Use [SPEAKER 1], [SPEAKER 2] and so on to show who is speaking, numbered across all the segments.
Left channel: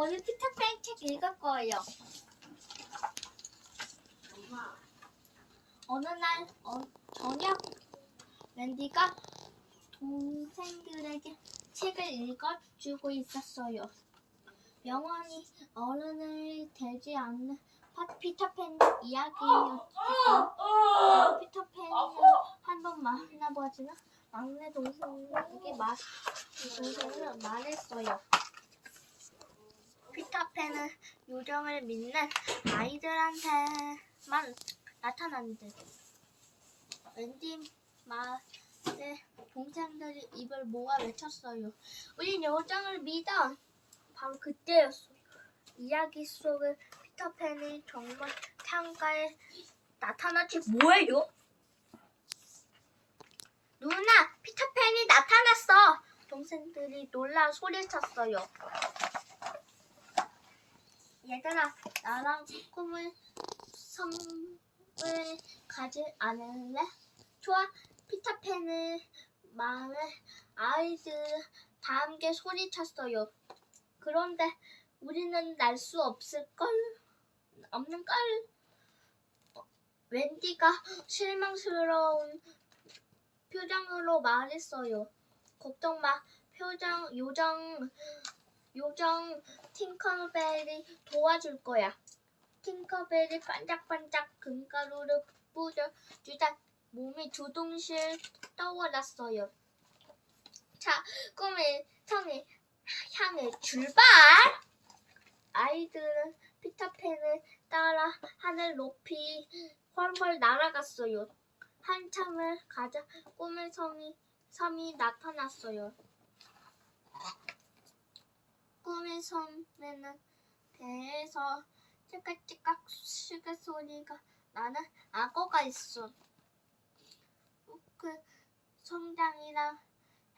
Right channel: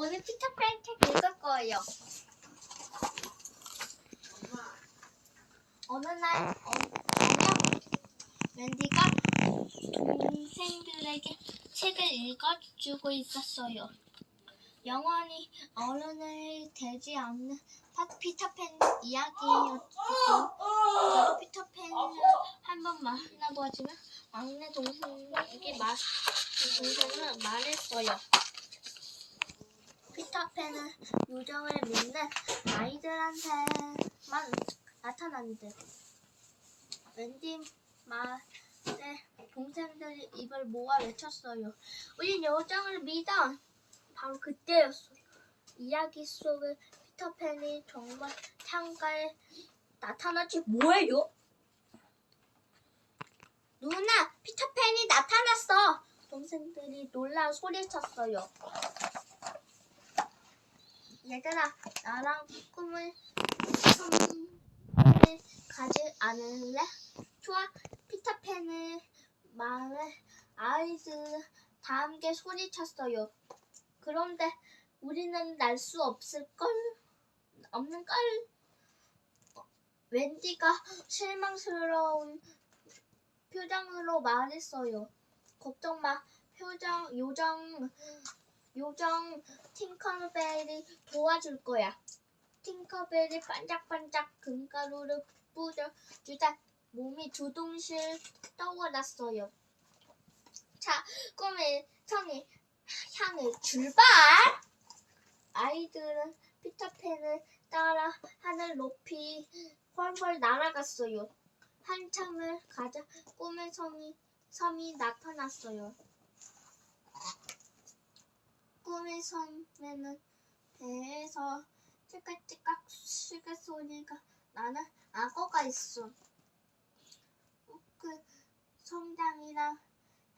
[SPEAKER 1] 오늘 피터팬 책 읽을 거예요. 어느 날 어, 저녁 웬디가 동생들에게 책을 읽어주고 있었어요. 영원히 어른을 되지 않는 파- 피터팬 이야기였고 피터팬을 한 번 만나보았지만 막내 동생에게 말 동생은 말했어요. 피터팬은 요정을 믿는 아이들한테만 나타난대. 웬디 말에 동생들이 입을 모아 외쳤어요. 우린 요정을 믿어. 바로 그때였어요. 이야기 속의 피터팬이 정말 창가에 나타났지 뭐예요? 누나, 피터팬이 나타났어. 동생들이 놀라 소리쳤어요. 얘들아, 나랑 꿈을 꿈을 가지 않을래? 좋아, 피터팬의 말에 아이들 다 함께 소리쳤어요. 그런데 우리는 날 수 없을걸? 없는걸? 어, 웬디가 실망스러운 표정으로 말했어요. 걱정 마. 표정 요정 요정 팅커벨이 도와줄 거야. 팅커벨이 반짝반짝 금가루를 뿌려주다 몸이 두둥실 떠올랐어요. 자, 꿈의 성이 향해 출발! 아이들은 피터팬을 따라 하늘 높이 훨훨 날아갔어요. 한참을 가자 꿈의 성이 섬이 나타났어요. 꿈의 섬에는 배에서 찌깍찌깍 시계 소리가 나는 악어가 있어. 그 성당이랑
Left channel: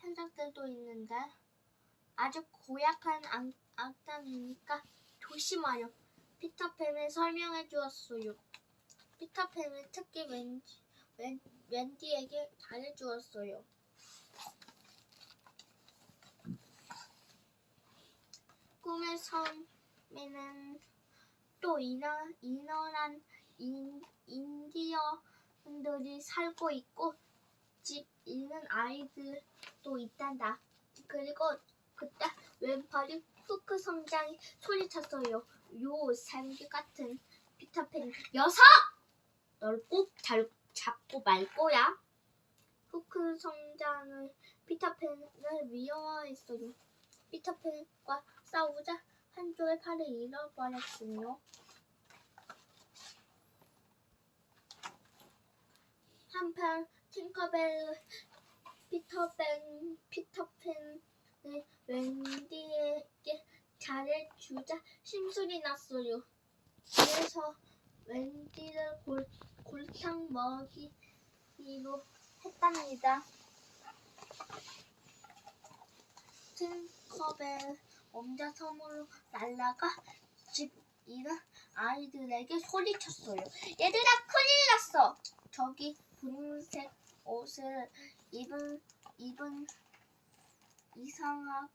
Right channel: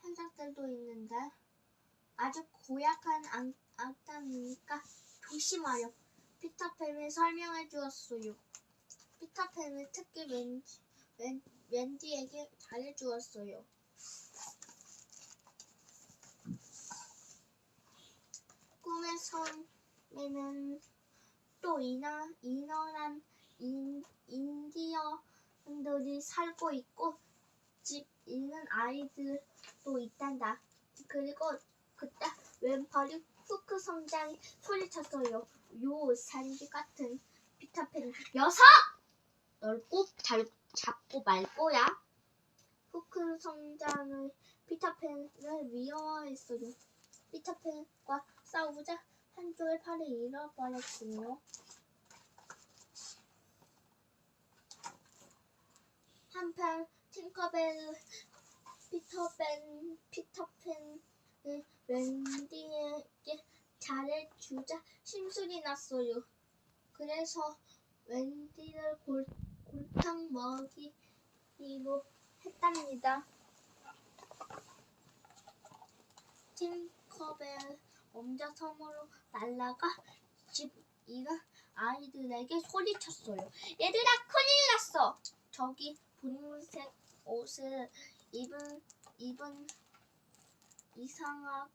[SPEAKER 1] 현장들도 있는데 아주 고약한 악, 악당이니까 조심하여 피터팬을 설명해 주었어요. 피터팬은 특히 왠지 웬, 웬디에게 잘해주었어요. 꿈의 섬에는 또 이너, 이너란 인, 인디언들이 살고 있고 집 있는 아이들도 있단다. 그리고 그때 왼팔이 후크 성장이 소리쳤어요. 요 산기 같은 피터팬 녀석! 널꼭잘 잡고 말 거야. 후크 성장을 피터팬을 미워했어요. 피터팬과 싸우자 한쪽의 팔을 잃어버렸군요. 한편 팅커벨 피터팬 피터팬을 웬디에게 잘해주자 심술이 났어요. 그래서 웬디를 골, 골탕 먹이기로 했답니다. 팅커벨 엄자성으로 날라가 집 잃은 아이들에게 소리쳤어요. 얘들아 큰일 났어. 저기 분홍색 옷을 입은 입은 이상한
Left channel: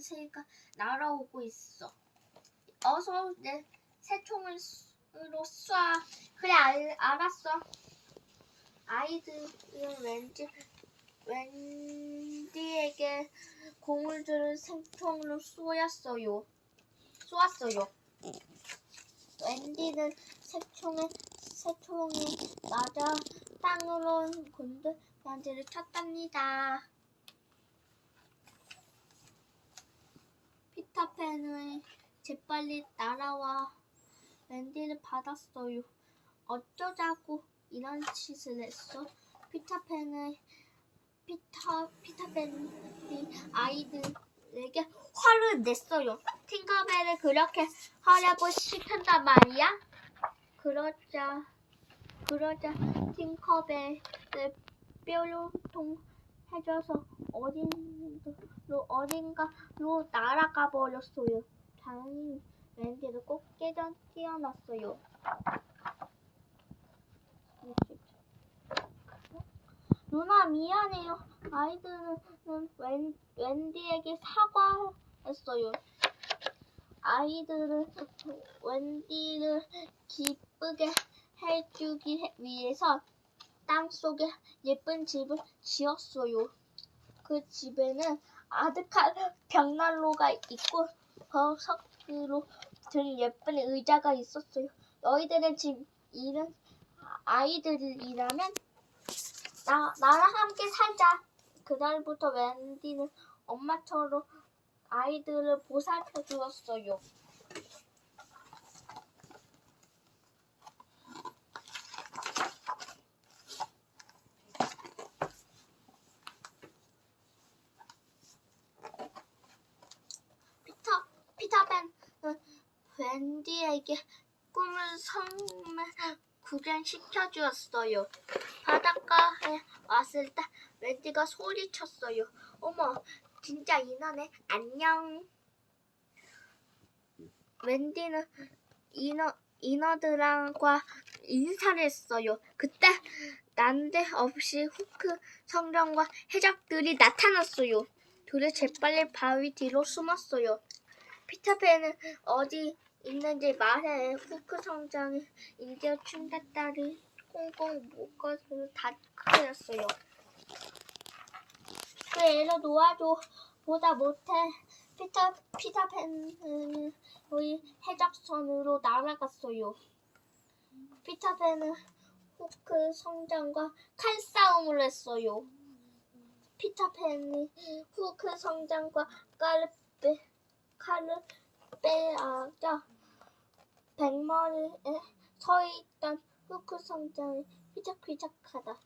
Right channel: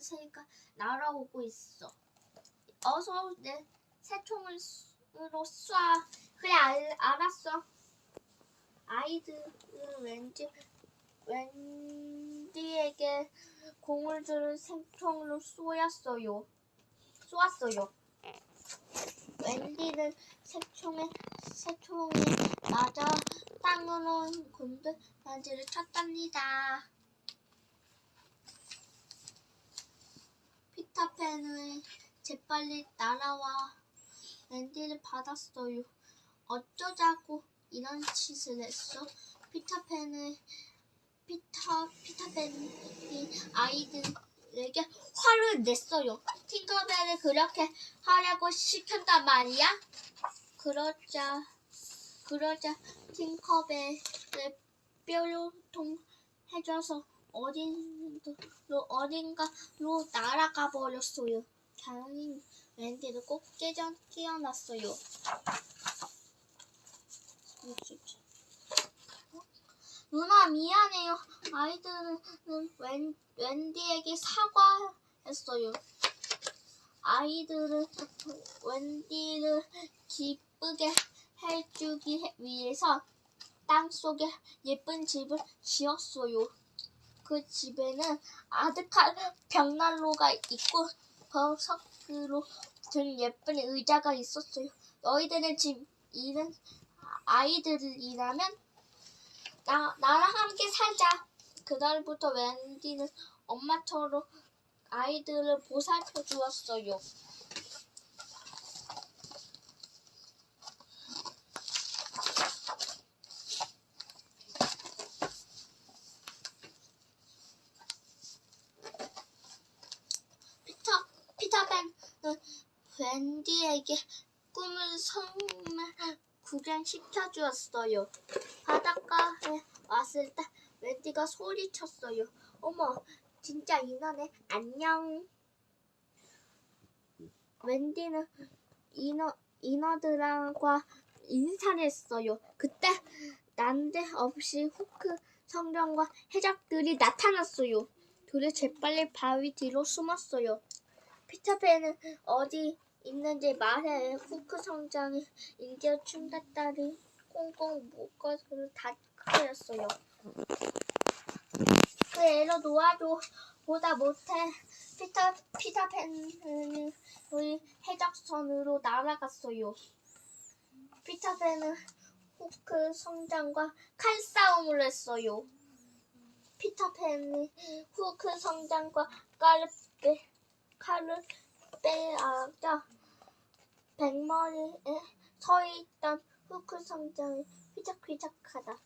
[SPEAKER 1] 새가 날아오고 있어. 어서 내 새총을 으로 쏴. 그래 알, 알았어. 아이들은 왠지 웬디에게 주는 새총으로 쏘았어요. 쏘았어요. 웬디는 새총에 새총이 맞아 땅으로 곤두만지를 쳤답니다. 피터팬은 재빨리 날아와 웬디를 받았어요. 어쩌자고 이런 짓을 했어? 피터팬을 피터 피터팬이 아이들에게 화를 냈어요. 팅커벨을 그렇게 하라고 시켰단 말이야. 그러자 그러자 팅커벨을 뾰로통 해줘서 어딘로 어딘가로 날아가 버렸어요. 다행히 웬디는 꼭 깨져 깨어났어요. 누나 미안해요. 아이들은 웬, 웬디에게 사과했어요. 아이들은 웬디를 기쁘게 해주기 위해서 땅속에 예쁜 집을 지었어요. 그 집에는 아득한 벽난로가 있고 버섯으로 든 예쁜 의자가 있었어요. 너희들의 집 일은 아이들이라면 나, 나랑 함께 살자. 그날부터 웬디는 엄마처럼 아이들을 보살펴 주었어요. 피터, 피터팬은 웬디에게 꿈을 성을 구경시켜 주었어요. 바닷가에 왔을 때 웬디가 소리쳤어요. 어머, 진짜 인어네. 안녕. 웬디는 인어, 인어들과 인사를 했어요. 그때 난데없이 후크 성령과 해적들이 나타났어요. 둘이 재빨리 바위 뒤로 숨었어요. 피터팬은 어디 있는지 말해. 후크 성장이 인디어 춤다따리 꽁꽁 묶어서 다 크였어요. 그 애로 놓아줘. 보다 못해. 피터, 피터팬은 우리 해적선으로 날아갔어요. 피터팬은 후크 성장과 칼싸움을 했어요. 피터팬이 후크 성장과 칼을 빼, 칼을 빼앗자 백머리에 서 있던 후크 성장이 휘적휘적하다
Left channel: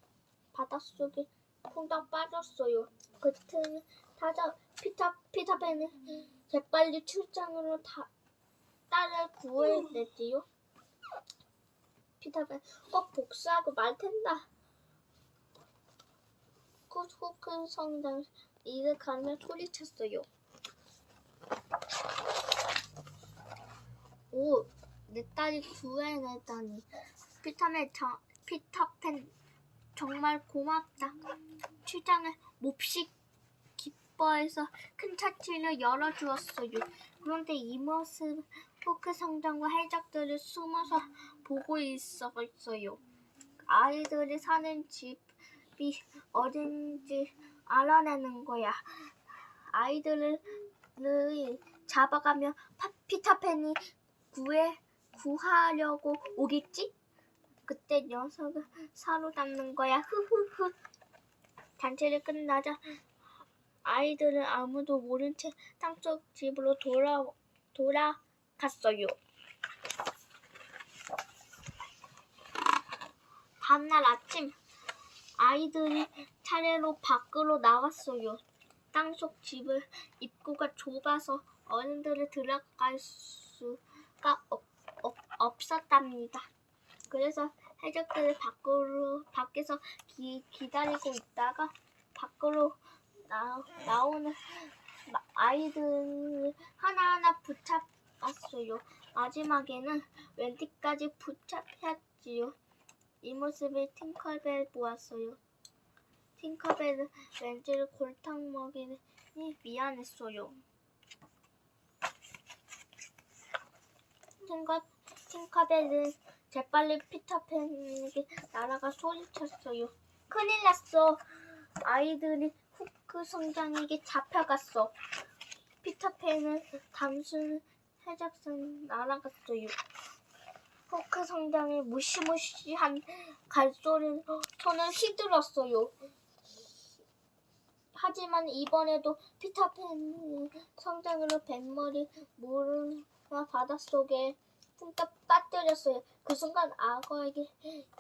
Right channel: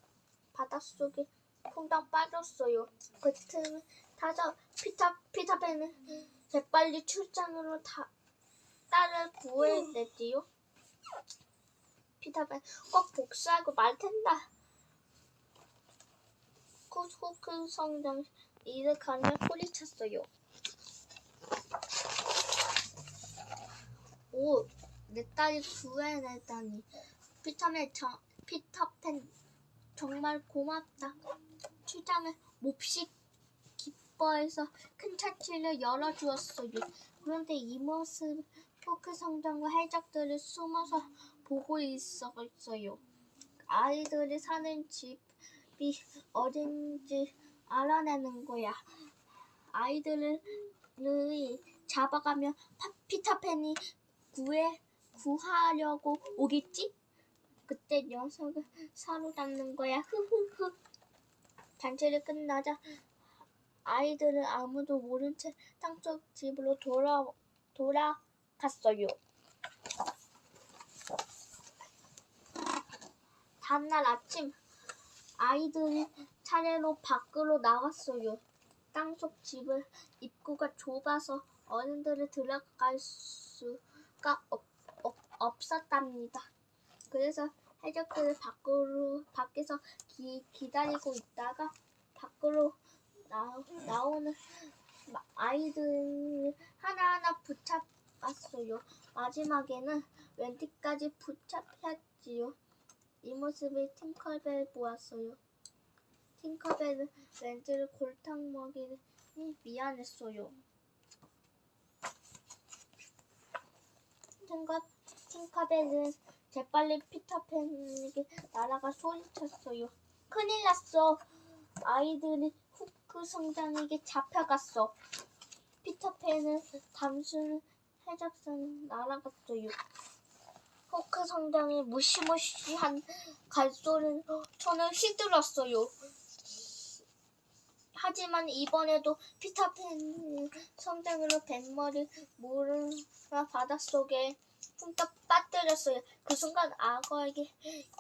[SPEAKER 1] 바닷속에 퐁당 빠졌어요. 그 틈에 타자 피터 피터팬은 재빨리 출장으로 다, 딸을 구해냈지요. 피터팬 꼭 복수하고 말 텐다. 곧 후크 성장 이를 가며 소리쳤어요. 오, 내 딸이 구해내다니. 피터맨, 저, 피터팬 정말 고맙다. 출장을 몹시 기뻐해서 큰 차치를 열어주었어요. 그런데 이 모습 포크 성장과 해적들이 숨어서 보고 있었어요. 아이들이 사는 집이 어딘지 알아내는 거야. 아이들을 잡아가며 파- 피터팬이 구해 구하려고 오겠지? 그때 녀석을 사로잡는 거야. 흐흐흐. 단체를 끝나자 아이들은 아무도 모른 채 땅속 집으로 돌아 돌아갔어요. 다음날 아침 아이들이 차례로 밖으로 나왔어요. 땅속 집을 입구가 좁아서 어른들을 들어갈 수가 없, 없, 없었답니다. 그래서 해적들을 밖으로 밖에서 기, 기다리고 있다가 밖으로 나, 나오는 마- 아이들을 하나하나 붙잡았어요. 마지막에는 웬디까지 붙잡혔지요. 이 모습을 팅커벨 보았어요. 팅커벨은 웬디를 골탕 먹이니 미안했어요. 팅커, 팅커벨은 재빨리 피터팬에게 날아가 소리쳤어요. 큰일 났어. 아이들이 후크 성장에게 잡혀갔어. 피터팬은 단순 해적선 날아갔어요. 후크 성장이 무시무시한 갈소리로 손을 휘둘렀어요. 하지만 이번에도 피터팬 성장으로 뱃머리 모르가 바닷속에 쿵떡 빠뜨렸어요. 그 순간 악어에게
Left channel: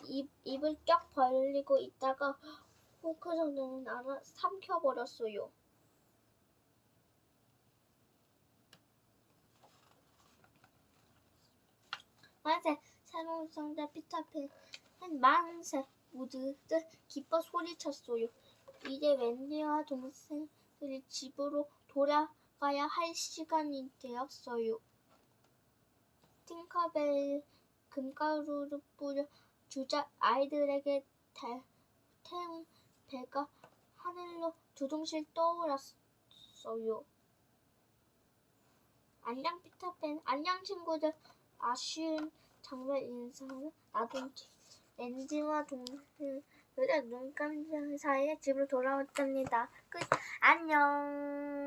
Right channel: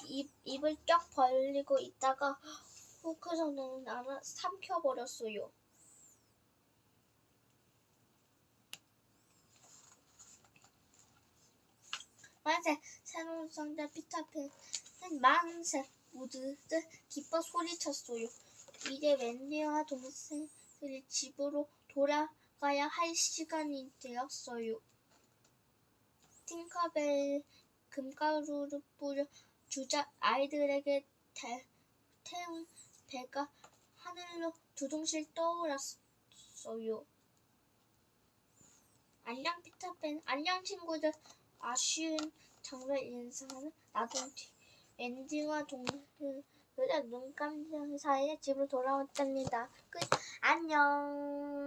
[SPEAKER 1] 입, 입을 쫙 벌리고 있다가 후크 성장을 나나 삼켜버렸어요. 만세! 새로운 성자 피터팬은 만세! 모두들 기뻐 소리쳤어요. 이제 웬디와 동생들이 집으로 돌아가야 할 시간이 되었어요. 팅커벨 금가루를 뿌려 주자 아이들에게 태, 태운 배가 하늘로 두둥실 떠올랐어요. 안녕 피터팬 안녕 친구들 아쉬운 장면 인사는 뒤 앤디와 동물들의 눈 감는 사이에 집으로 돌아왔답니다. 끝. 안녕